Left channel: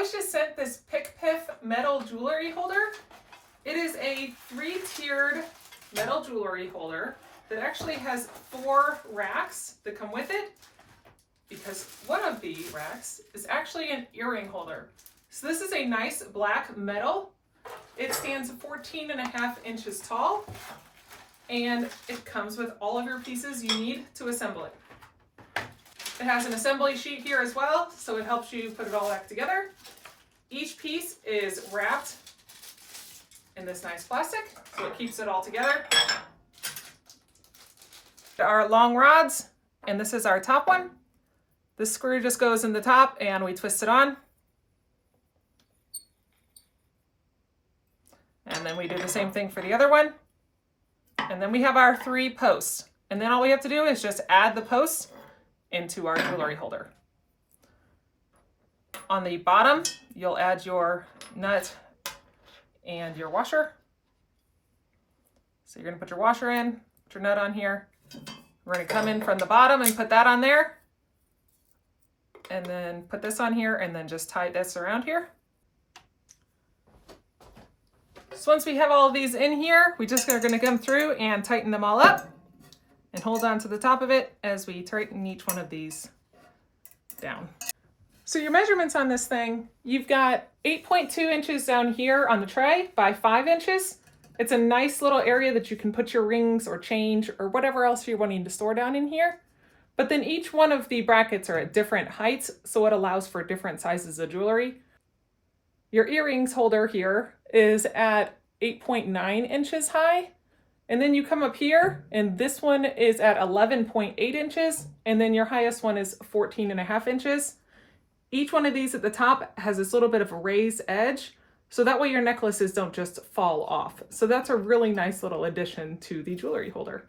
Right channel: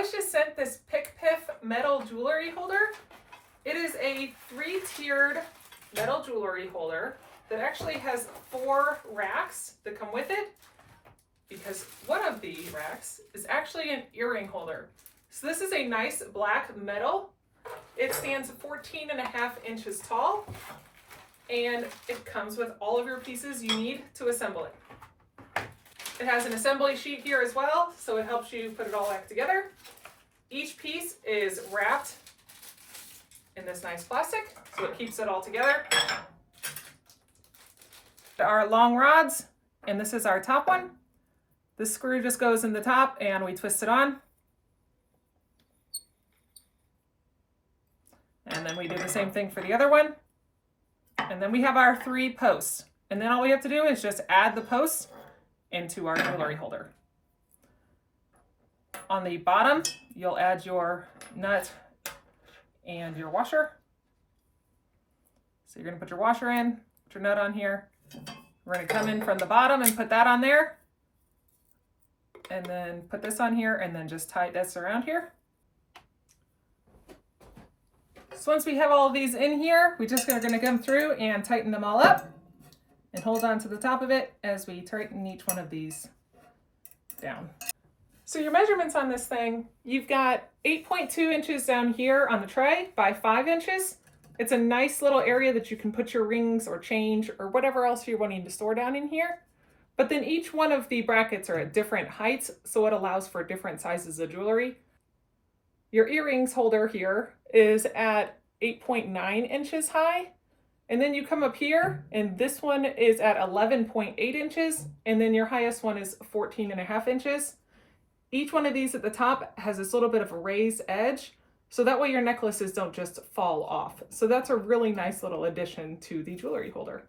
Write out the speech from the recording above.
was just sent this PicPiff metal jewelry holder. It is a 3-tiered metal jewelry holder that actually has 4 racks that come with it, because one of the racks is actually an earring holder. So this is a nice black metal. It stands 14.5 inches tall, and it comes with all of your pieces you need to assemble it. It has an assembly sheet here as well, so it helps you put it all back together. Each piece is wrapped in this nice plastic, so it keeps it all together. Our long rods, and this is our top one. This screw just goes in the top and we twist it on. And then we do the same thing for the other one. And then we have our 3 posts. And then all we have to do is just add the posts into our jewelry holder. On the bottom, you'll add your nut and your washer. So you're going to put your washer in, put your nut on here. We're going to come in from the bottom and put that on there. And then put this on here and then just tie this around here. So once we have all of these in here, we just are going to come through and tighten them all up and hold on to the top of it as we tighten each one of these down. So your measurements on this thing, you've got 8.2 inches down here on the tray by 5 inches. It's a nice little area that you can put your rings or change or whatever else you're wanting to store down in here. But then each one of the brackets are at different heights, so it allows for different sizes of jewelry. Your earrings holder here is at 8.9 inches high. And then you come up here, and this one is at 11.8 inches, and then your highest one is 14.5 inches. Each one of these at the top has this little bit of a raised edge, so that way your necklaces don't just fall off. So that's a really nice little addition to the jewelry holder.